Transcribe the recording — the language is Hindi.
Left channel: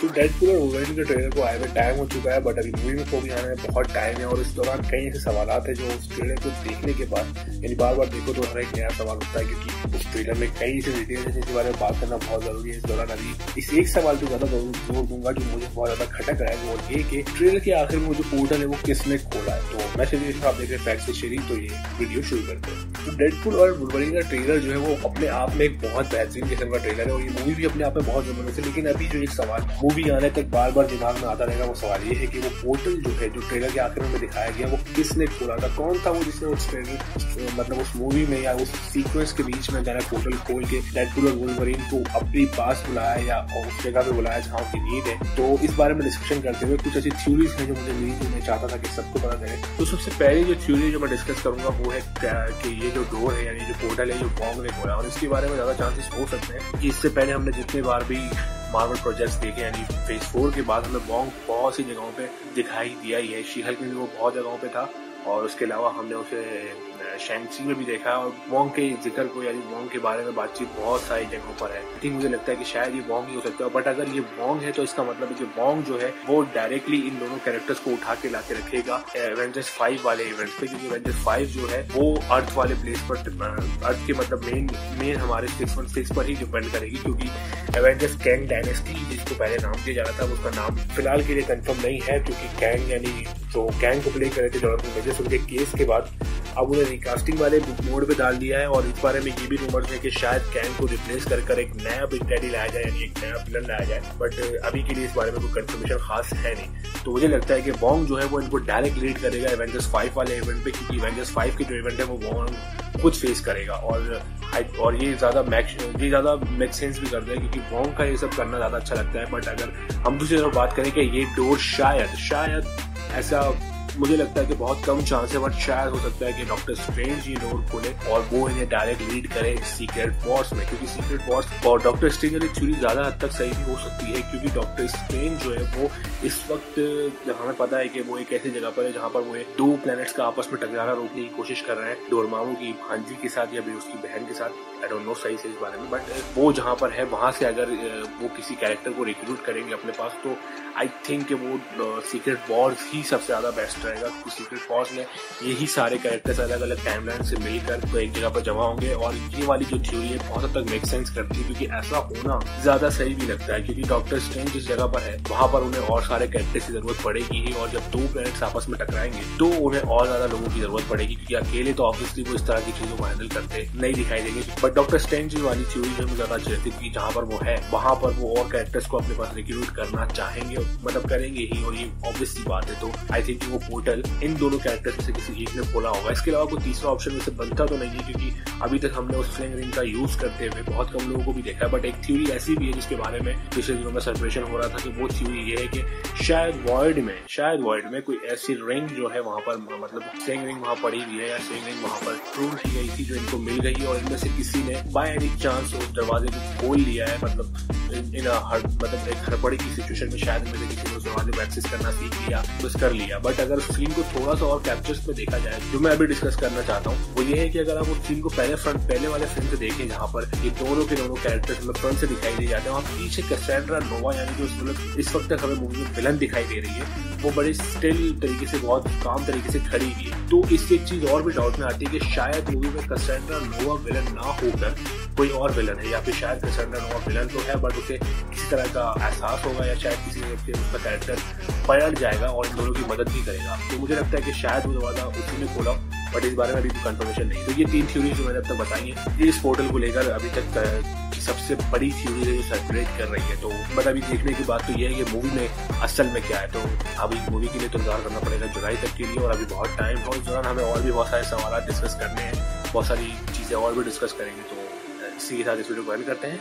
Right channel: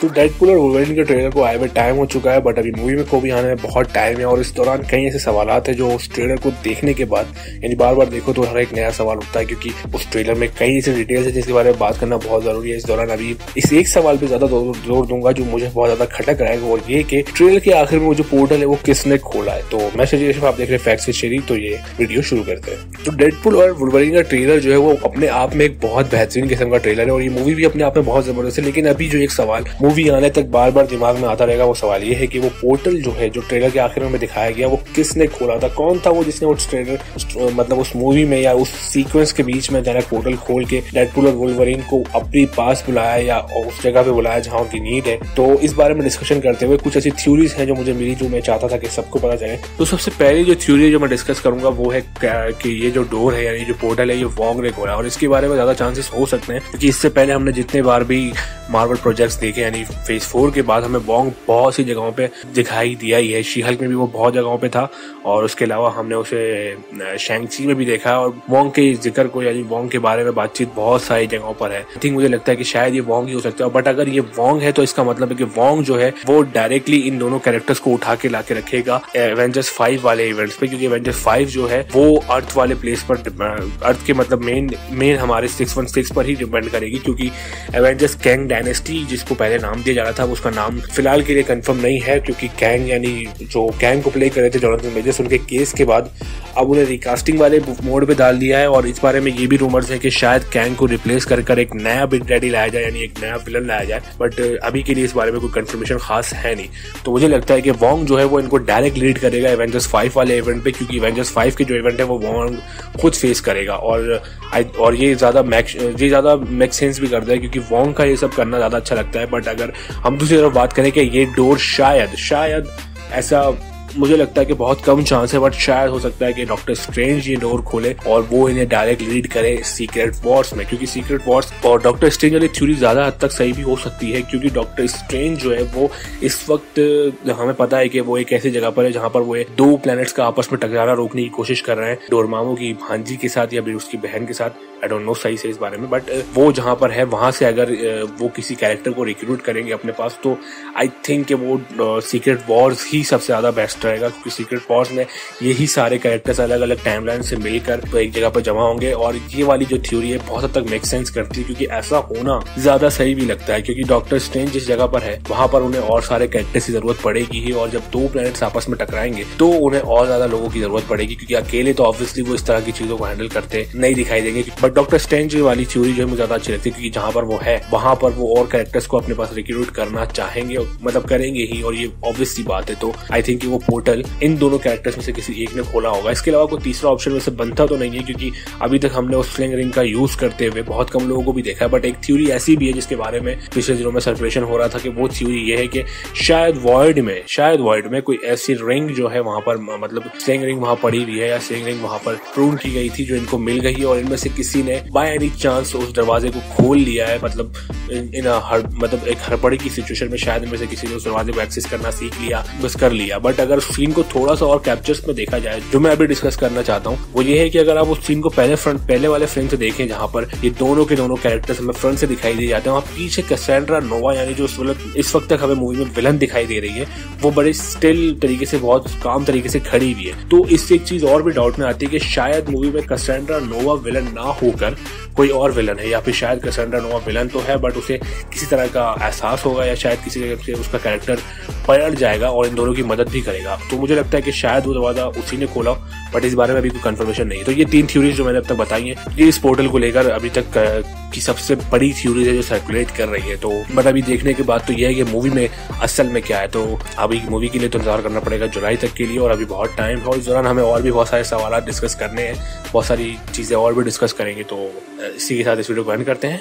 तो डेडपूल और वुल्वरीन के ट्रेलर को आए हुए टाइम हो चुका है, बट अभी मूवी में को भी आने में बहुत टाइम है और इस दौरान कई ऐसे सवालात हैं जो उस ट्रेलर को देखने के बाद यानी बार बार देखो तो हर एक नया सवाल उठता है, क्योंकि उस ट्रेलर में कई ऐसे डिटेल्स है जिसके बारे में बात करना बहुत जरूरी है। इस दौरान अभी इस एक सवाल पे ज्यादा जोर दूंगा जो मुझे बहुत ज्यादा खटक रहा है, और ये कि ट्रेलर के आखिर में वो जो पोर्टल है वो किसने खोला है। तो मैं सजेशन आप देख रहे हैं फैक्ट्स विद शेरी, तो ये वीडियो शुरू करते हैं। तो डेडपूल और वुल्वरीन का ट्रेलर जो है वो अपने आप में एक बहुत बेहतरीन किस्म का ट्रेलर है और ये मूवी भी अपने आप में बहुत जबरदस्त है। लेकिन अभी जो एक सवाल मूवी आने तक बार बार दिमाग में आता रहेगा, वो सवाल ये है कि वो पोर्टल जो है जो ट्रेलर के आखिर में दिखाया गया वो किसने खोला था, कौन था वो जिसने उस ट्रेलर मतलब उस मूवी में या उस सीक्वेंस के बीच में जाना पोर्टल खोल के डेडपूल और वुल्वरीन को अपने पास बुलाया या उस जगह पे बुलाया जहाँ उनकी नीड है। तो इस बारे में डिस्कशन करते हुए कुछ ऐसी थ्योरीज हैं जो मुझे मिली, जो मैं चाहता था कि सबको पता चले। तो सबसे पहले जो थ्योरी जो मैं डिस्कस करूंगा वो है कि ये जो डोर है यानी जो पोर्टल है ये वोंग ने खोला, और इसके बारे में ज्यादा चांसेस हो सकते हैं क्योंकि इससे पहले हमने जितने बार भी मार्वल प्रोजेक्ट्स देखे यानी फेज 4 के बाद हमें वोंग बहुत सी जगहों पे दिखाई दिया ही है। शी-हल्क में भी वो बहुत जगहों पे था और उसके अलावा हमने उसे शैंग-ची में भी देखा और वोंग के जिक्र को यानी वोंग के बारे में बातचीत बहुत सारी जगहों पर है। आई थिंक मुझे लगता है कि शायद ये वोंग ही हो सकता है, बट अगर ये वोंग है तो इसका मतलब है कि वोंग जो है वो डायरेक्टली इन दोनों कैरेक्टर्स को उठा के लाके रखेगा एवेंजर्स 5 वाले इवेंट्स पे, क्योंकि एवेंजर्स 5 जो है वो अर्थ वाले प्लेस पर अर्थ के मतलब मेन हमारे 616 पर ही डिपेंड करेगी, क्योंकि एवेंजर्स कैंग डायनेस्टी जिसको पहले नाम दिया जा रहा था उसका नाम फिलहाल के लिए कंफर्म नहीं है, क्योंकि कैंग यानी जो कैंग को प्ले कर रहे थे जोनाथन मेजर्स उनके केस के बाद अब उन्हें रिकास्टिंग वाले मोड पे डाल दिया है। और इस बारे में ये भी रूमर्स है कि शायद कैंग को रिप्लेस कर एक नया बिग डैडी लाया जाए यानी एक नया विलन लाया जाए, बट अभी के लिए इस बारे में कोई कंफर्मेशन खास है नहीं। तो मुझे लगता है कि वोंग जो है वो इनको डायरेक्ट लीड करेगा एवेंजर्स 5 वाले इवेंट पे, क्योंकि एवेंजर्स 5 के जो इवेंट है वो वोंग खुद फेस करेगा और ये ज्यादा मेक सेंस भी करता है क्योंकि वोंग का ये सब करना ज्यादा अच्छा लगता है। बट अगर हम दूसरी तरफ बात करें कि ये डोर शायद ऐसा मुझे लगता है कि बहुत कम चांस है, बट शायद हो सकता है कि डॉक्टर स्ट्रेंज ये डोर खोले और वो इन्हें डायरेक्ट लीड करे सीक्रेट वॉर्स में, क्योंकि सीक्रेट वॉर्स और डॉक्टर स्ट्रेंज वाली थ्योरी ज्यादा हद तक सही भी हो सकती है, क्योंकि डॉक्टर स्ट्रेंज जो है वो इस वक्त हमें पता है कि वो एक ऐसी जगह पर है जहां पर वो दो प्लैनेट्स का आपस में टकराना रोकने की कोशिश कर रहे हैं, डोरमामू की भांजी के साथ या फिर उसकी बहन के साथ। आई डोंट नो सही से इस बारे में, बट वो जहां पर है वहां से अगर वो किसी कैरेक्टर को रिक्रूट करेंगे अपने पास तो आई थिंक कि वो सीक्रेट वॉर्स ही सबसे ज्यादा बेस्ट रहेगा, क्योंकि सीक्रेट वॉर्स में यही सारे कैरेक्टर्स अलग अलग टाइमलाइन से मिलकर तो एक जगह पर जमा होंगे। और ये वाली जो थ्योरी है बहुत हद तक मेक सेंस करती है, क्योंकि ऐसा होना ज्यादा सही भी लगता है, क्योंकि डॉक्टर स्ट्रेंज जिस जगह पर है वहां पर उन्हें और सारे कैरेक्टर्स की जरूरत पड़ेगी ही, और जब दो प्लैनेट्स आपस में टकराएंगे तो उन्हें और ज्यादा लोगों की जरूरत पड़ेगी, क्योंकि अकेले तो ऑब्वियसली वो इस तरह की चीजों को हैंडल करते नहीं दिखाई देंगे। बट डॉक्टर स्ट्रेंज वाली थ्योरी जो है मुझे ज्यादा अच्छी लगती है, क्योंकि जहां पर वो है वहां पर वो और कैरेक्टर्स को अपने पास रिक्रूट करना चाहेंगे, मतलब करेंगे ही, और ये ऑब्वियस सी बात है। तो आई थिंक वो पोर्टल इन दोनों कैरेक्टर्स में से किसी एक ने खोला होगा। इसके अलावा कोई तीसरा ऑप्शन वैसे बनता तो नहीं है, क्योंकि अभी तक हमने उस स्लिंग रिंग का यूज करते हुए बहुत कम लोगों को भी देखा है। बट एक थ्योरी ऐसी भी है जिसके बारे में पिछले दिनों में सर्कुलेशन हो रहा था कि वो थ्योरी ये है कि शायद वॉइड में कोई ऐसी रिंग जो है वहां पर मतलब स्लिंग रिंग वहां पड़ी हुई है या स्लिंग रिंग वहां पर प्रूव की गई थी जो इनको मिल गई, और इनमें से किसी ने बाय एनी चांस उस दरवाजे को खोल लिया है, मतलब मतलब एक हड़बड़ी की सिचुएशन में शायद इनमें से किसी ने उस दरवाजे को एक्सेस करना सीख लिया, बस कर लिया। बट अगर सीन को थोड़ा सा और कैप्चर्स में देखा जाए, जो मैं अभी डिस्कस करना चाहता हूँ वो ये है कि अगर आप उस सीन को पहले वाले फ्रेम से देखें जहां पर ये दोनों के दोनों कैरेक्टर्स हमें फ्रंट से दिखाई दे जाते हैं, वहाँ पीछे कैसेंड्रा नोवा यानी जो इस वक्त तक हमें मूवी में विलन दिखाई दे रही है वो बड़े स्टिल तरीके से बहुत काम तरीके से खड़ी हुई है। तो इससे एक चीज और भी डाउट में आती है कि शायद मूवी में कैसेंड्रा नोवा विलन ना होकर कोई और विलन है, या फिर शायद कैसेंड्रा नोवा विलन तो है बट उसे किसी तरह का एहसास होगा या शायद किसी तरह से उसका कैरेक्टर पलट जाएगा और इन दोनों की मदद भी करेगा। तो मुझे लगता है कि शायद वो दरवाजा उसी ने खोला, बट इस बारे में अभी कोई कंफर्मेशन नहीं। तो ये तीन थ्योरीज जो मैंने अब तक बताई है, ये इस पोर्टल को लेकर अभी तक की सबसे बड़ी थ्योरी है जो सर्कुलेट कर रही है। तो बट अभी देखने के बाद तो यह है कि मूवी में असल में क्या है। तो अभी मूवी के लिए तो इंतजार करना पड़ेगा जुलाई तक के लिए, और अभी बहुत टाइम है, इस दौरान हमें और भी बहुत सारे सवाल डिस्कस करने हैं, बहुत सारी चीजें और भी डिस्कस करेंगे। तो इसी के साथ इस वीडियो को एंड करते हैं।